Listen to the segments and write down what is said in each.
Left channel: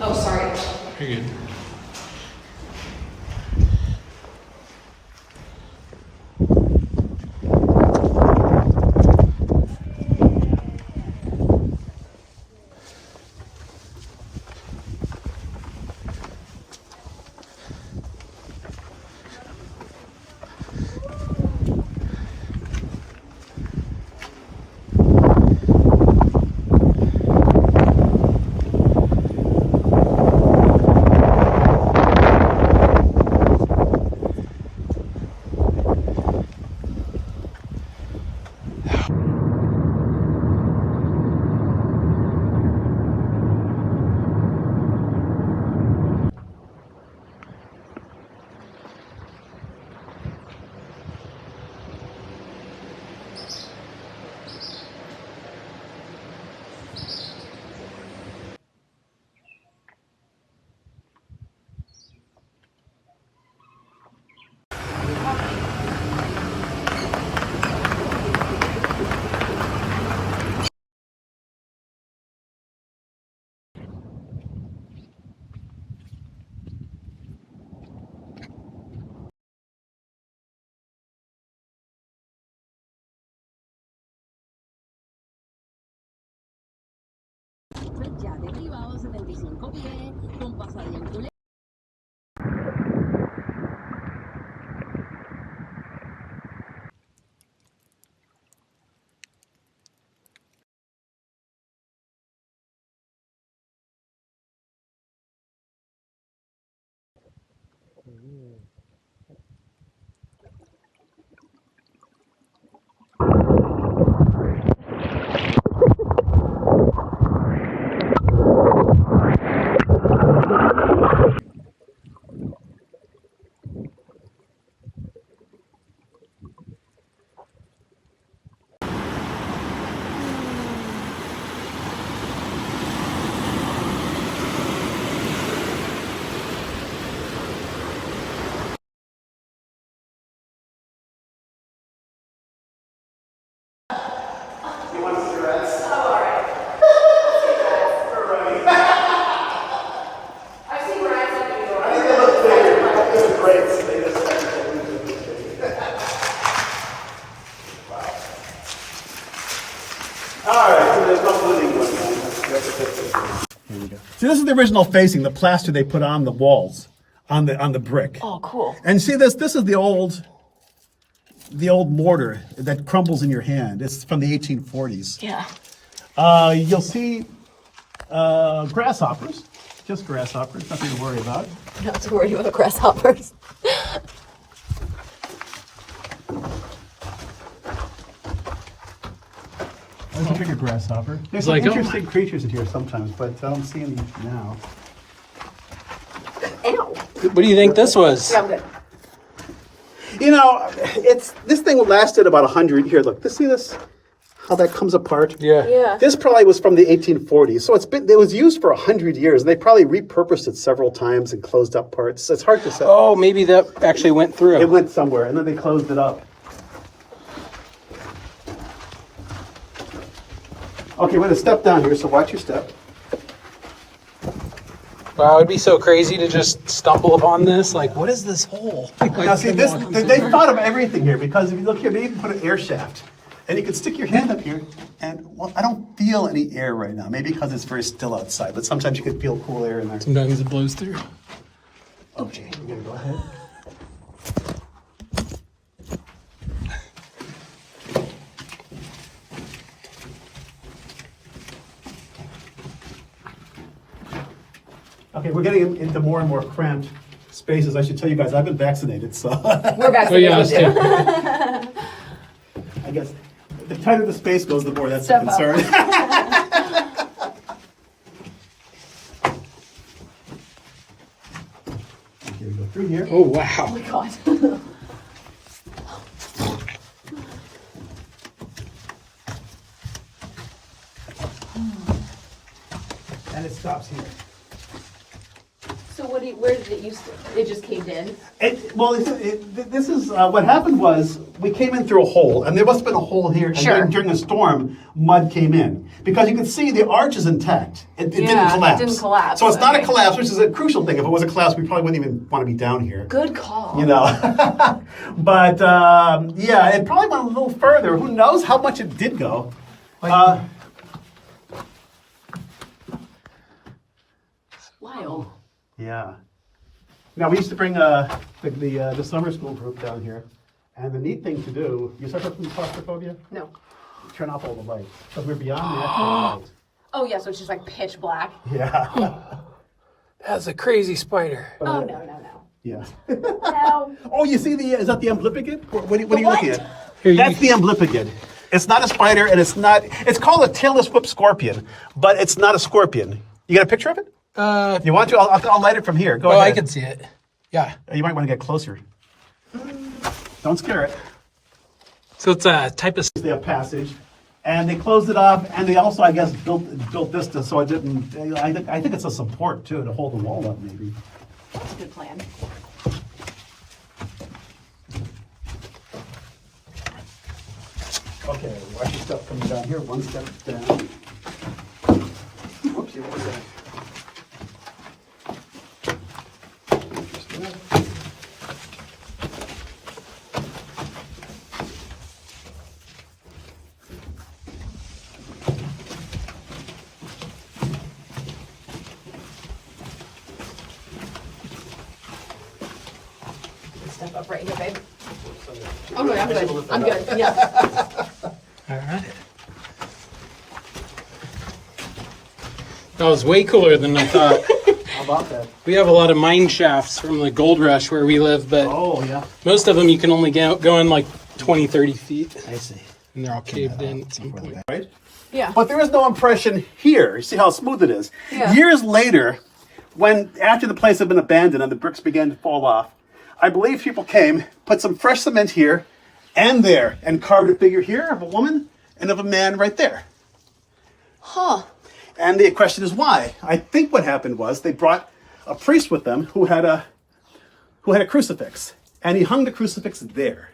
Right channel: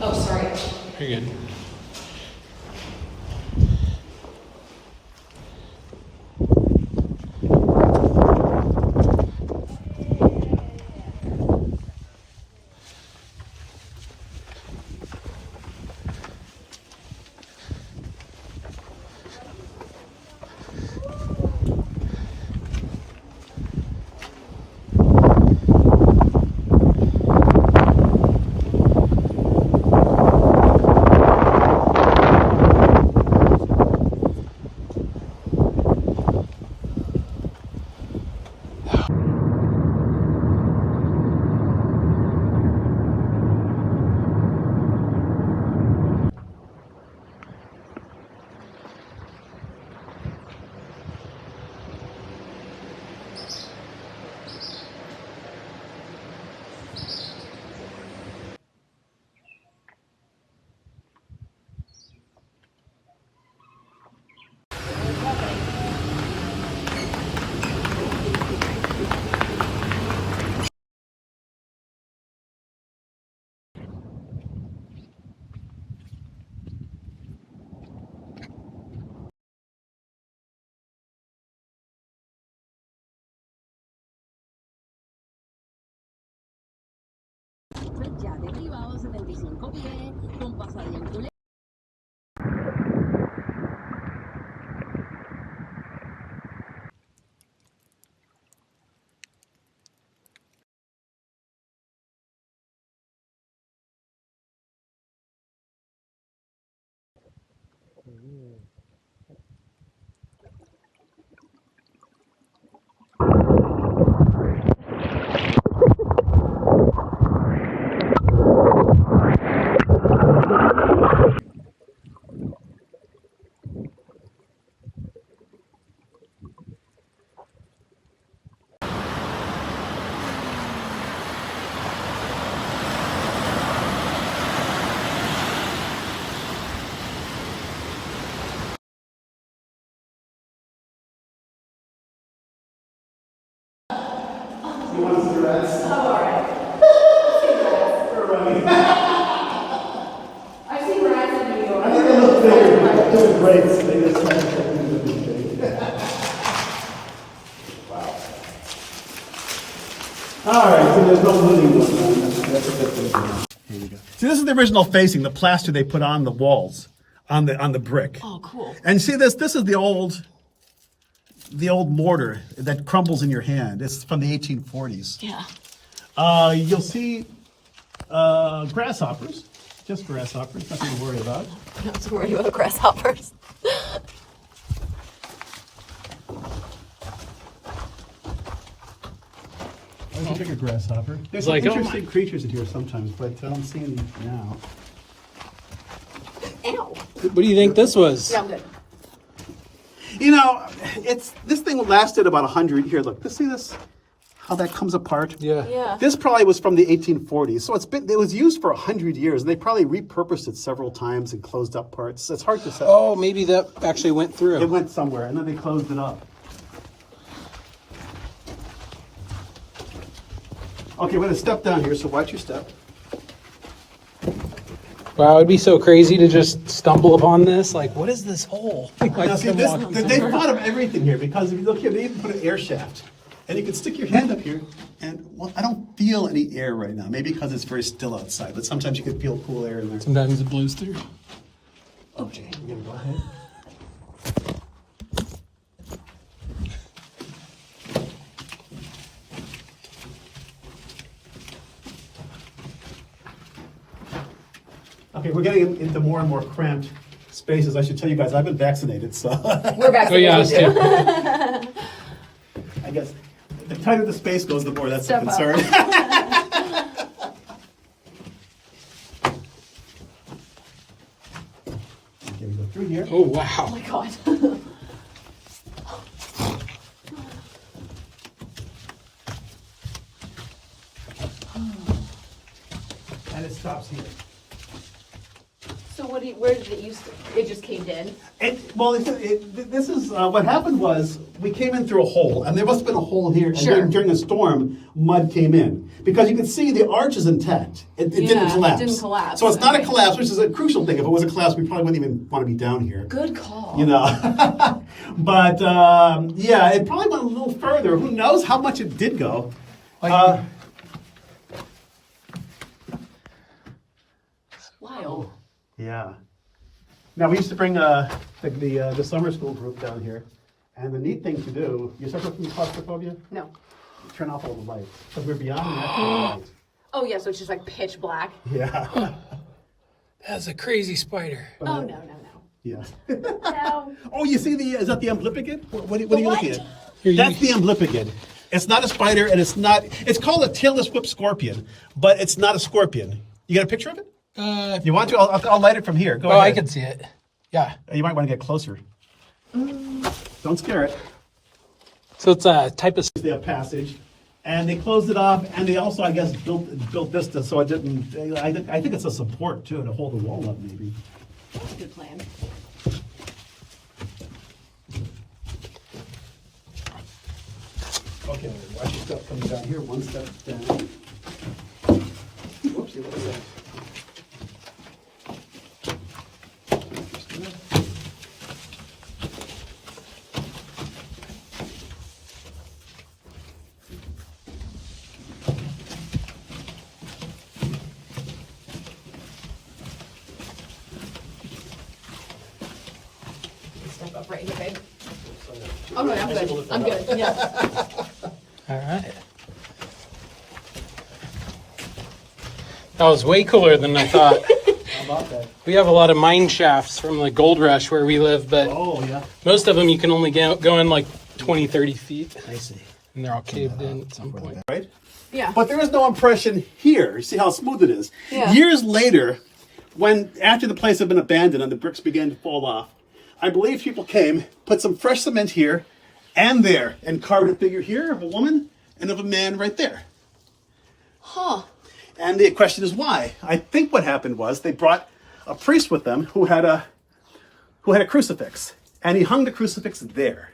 Oh, sorry. Here. Ya derribado 75 pies, con pasadiente. You want to see the rats? I've seen rats in New York. I think they look bigger. They look great. They just kind of open to the thing. All right, so there's no living room. That's a good thing. Here we go. See, this is the original facing, the plaster they put on the walls, on the brick. Oh, cool. And see this? This is the old mortar that crumbles in your hand. It's from the 1840s. Yeah. You'll see grasshoppers, just grasshoppers, nothing to worry about. Not to worry about grasshoppers. There's a bigger grasshopper. There's some like, oh interesting creatures in here sometimes, but I don't see any now. Ew. What do you think this was? You know, this thing lasted about 100. Here, look. See this? how that comes apart. Yeah. This probably was from the 1840s, so it was used for 100 years, and they probably repurposed it several times and closed up parts. It's hard to say. Oh, maybe that actually went through. It went somewhere, and then they closed it up. Okay, we're going to step down here, so watch your step. Wow, it'd be so crazy to just stumble upon this. Like, what is this hole? Now see, they thought of everything here, because if you look here, they even put an air shaft. And you can stick your hand up here, and well, I don't feel any air right now. Maybe because it's very still outside, but sometimes you can feel cool air in there. Sometimes it blows through. Okay, we're gonna go ahead. Okay, we're getting into more and more cramped spaces. I should tell you guys, I've been vaccinated, so. We're vaccinated. Oh, yeah, too. I guess the tighter the space goes, the more that's Step a concern. Here we go through here. Oh, wow. Oh my God. And it stops here. So where did it used to? It just caved in? This is what happened was we came in through a hole, and there must have been a hole here. And Sure. during a storm, mud came in because you can see the arch is intact. It didn't Yeah, it collapse. didn't collapse, So it's not a okay. collapse, which is a crucial thing. If it was a collapse, we probably wouldn't even want to be down here. Good call. You know, but yeah, it probably went a little further. Who knows how much it did go? Wild. Yeah. Now we used to bring the summer school group down here, and the neat thing to do. You suffer from claustrophobia? No. Turn off all the lights because we're beyond the natural light. Oh yeah, so it's just like pitch black. Yeah. That's a crazy spider. Oh no. Yeah. No. Oh, you see is that the amblipigid? What are you looking at? Here, That's the amblipigid. It's not a spider, and it's called a tailless whip scorpion, but it's not a scorpion. You got a picture of it? If you want to, I'll light it from here. Go Oh, ahead. I can see it. Yeah. You might want to get closer. Don't scare it. So it's a type of. They have passage, and they closed it off, and they also, I guess, built this so it didn't. I think it's a support too to hold the wall up, maybe. That's a good plan. Okay, watch your stuff coming down here. One step down. Whoops, you were there. Step up right here, babe. Oh no, I'm good. I'm good. Yeah. All right. That was way cooler than I thought. How about that? We have a lot of mine shafts from the gold rush where we live, but Oh, yeah. most of them you can only go in like 20, 30 feet. I see. And they're all caved in at some point. Right? Yeah. But there is no impression here. You see how smooth it is. Yeah. Years later, after the place had been abandoned and the bricks began to fall off, I believe people came, put some fresh cement here and there, and carved a figure here of a woman and of a man right there. Huh. And the question is why? I think what happened was they brought a priest with them who had a crucifix, and he hung the crucifix there.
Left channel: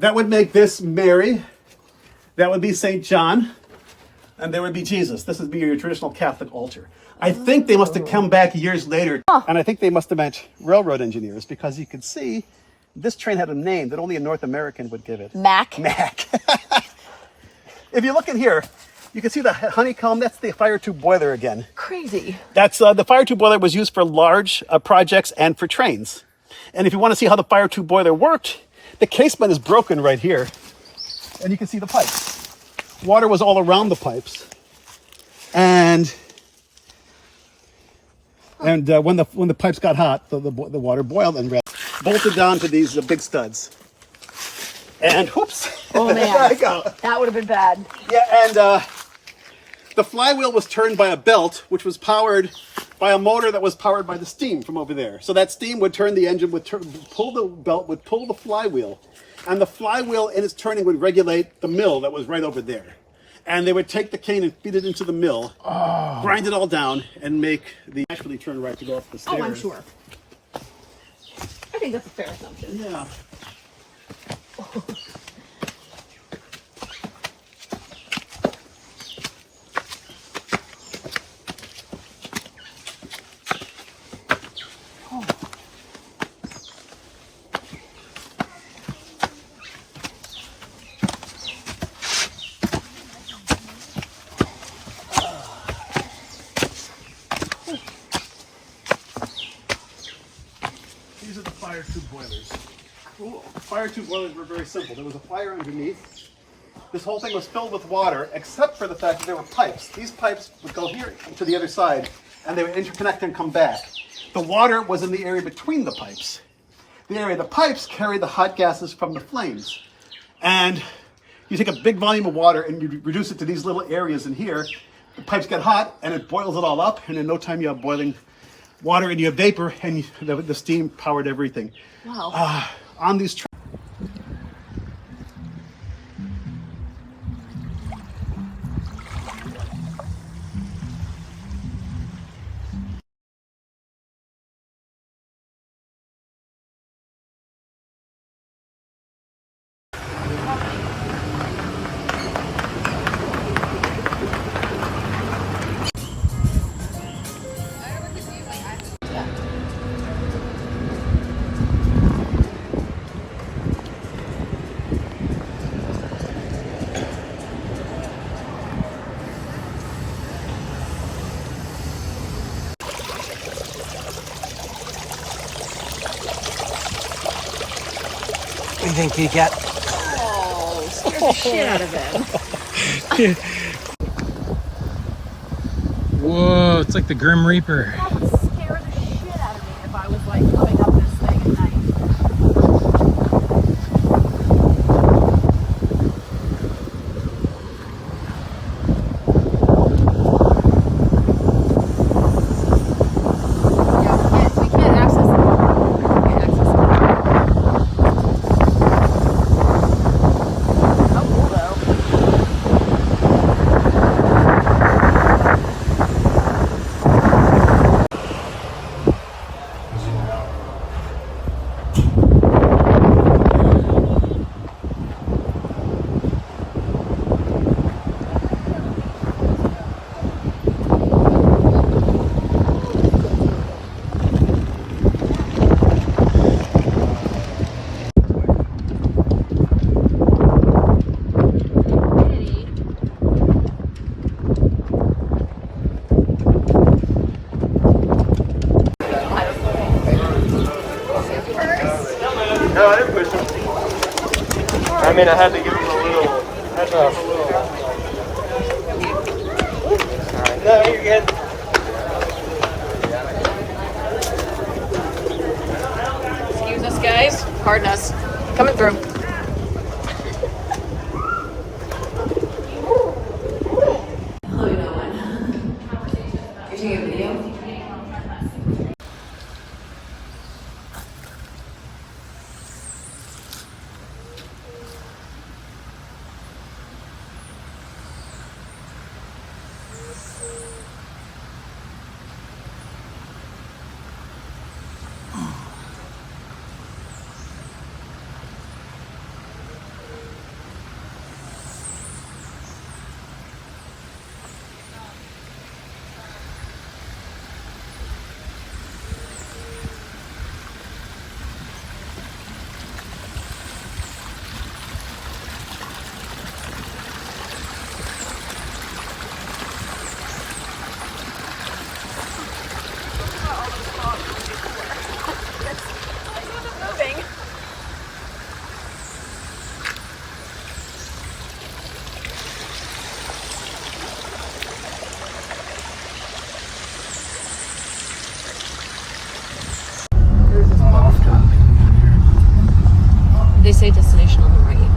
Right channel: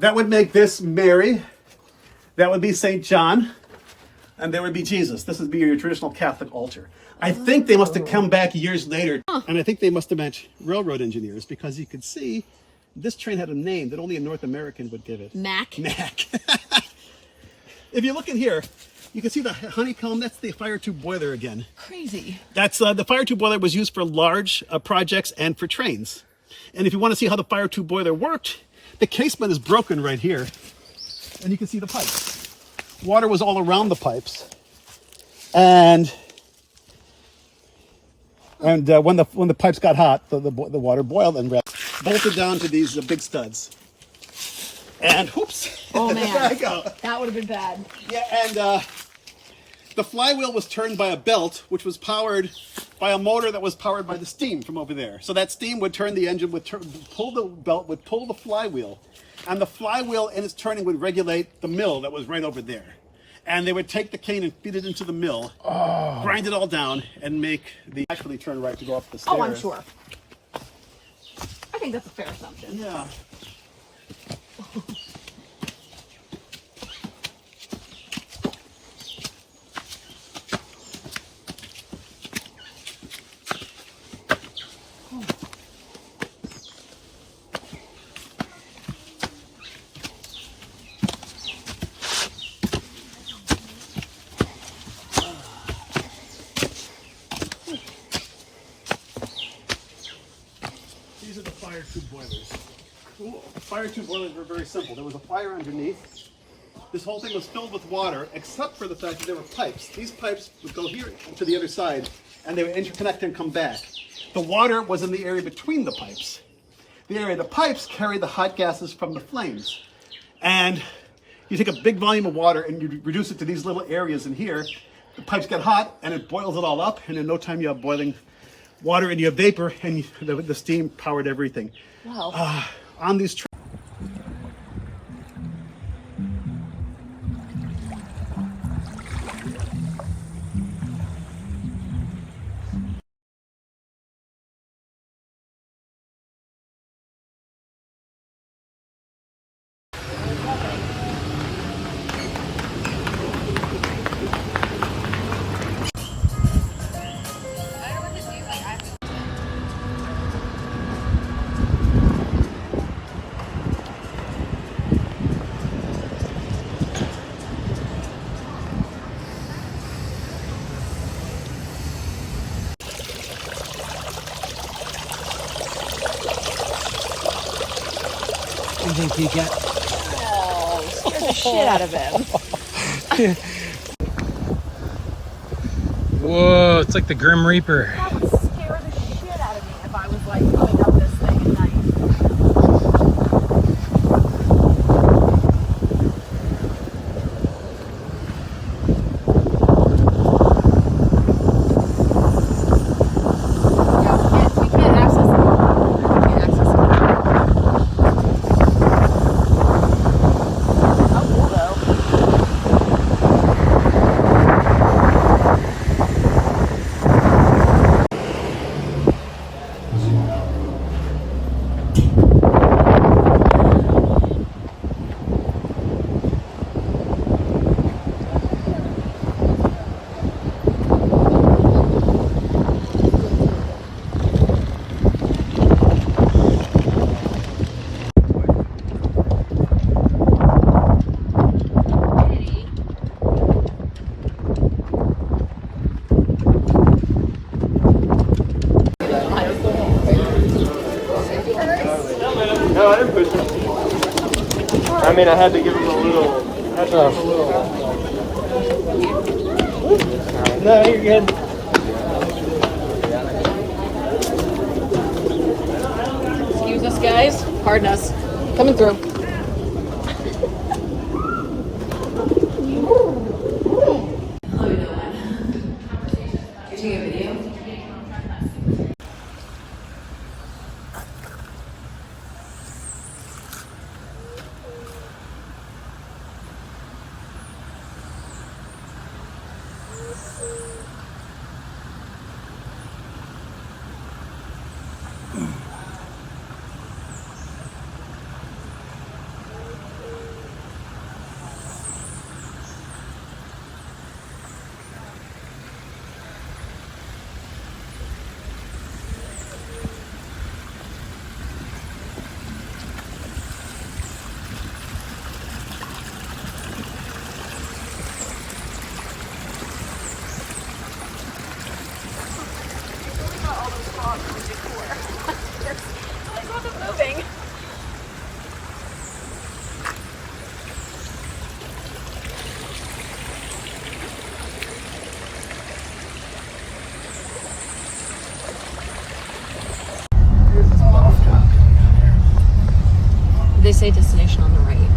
That would make this Mary, that would be St. John, and there would be Jesus. This would be your traditional Catholic altar. I think they must have come back years later, and I think they must have meant railroad engineers, because you could see this train had a name that only a North American would give it. Mac. Mac. If you look in here, you can see the honeycomb. That's the fire tube boiler again. Crazy. That's the fire tube boiler was used for large projects and for trains. And if you want to see how the fire tube boiler worked, the casement is broken right here, and you can see the pipes. Water was all around the pipes, and when the pipes got hot, the water boiled and bolted down to these big studs. And whoops! Oh man, There I go. that would have been bad. Yeah, and The flywheel was turned by a belt, which was powered by a motor that was powered by the steam from over there. So that steam would turn the engine, would pull the belt, would pull the flywheel, and the flywheel in its turning would regulate the mill that was right over there. And they would take the cane and feed it into the mill, grind it all down, and make the actually turn right to go up the stairs. Oh, I'm sure. I think that's a fair assumption. Yeah. These are the fire tube boilers. Cool. Fire tube boilers were very simple. There was a fire underneath. This whole thing was filled with water, except for the fact that there were pipes. These pipes would go here to the other side, and they would interconnect and come back. The water was in the area between the pipes. The area of the pipes carried the hot gases from the flames. And you take a big volume of water and you reduce it to these little areas in here. The pipes get hot, and it boils it all up, and in no time you have boiling water and you have vapor, and the steam powered everything. Wow. On these What do you think, Peacat? Oh, scared the shit out of him. Whoa, it's like the Grim Reaper. That would scare the shit out of me if I was like coming up this thing at night. Yeah, we can't access it. We can't access it now. Oh, cool though. I mean, I had to give you No, you're good. Excuse us, guys. Hardness. Coming through. Hello, no one. You're taking a video? Moving. They say destination on the right.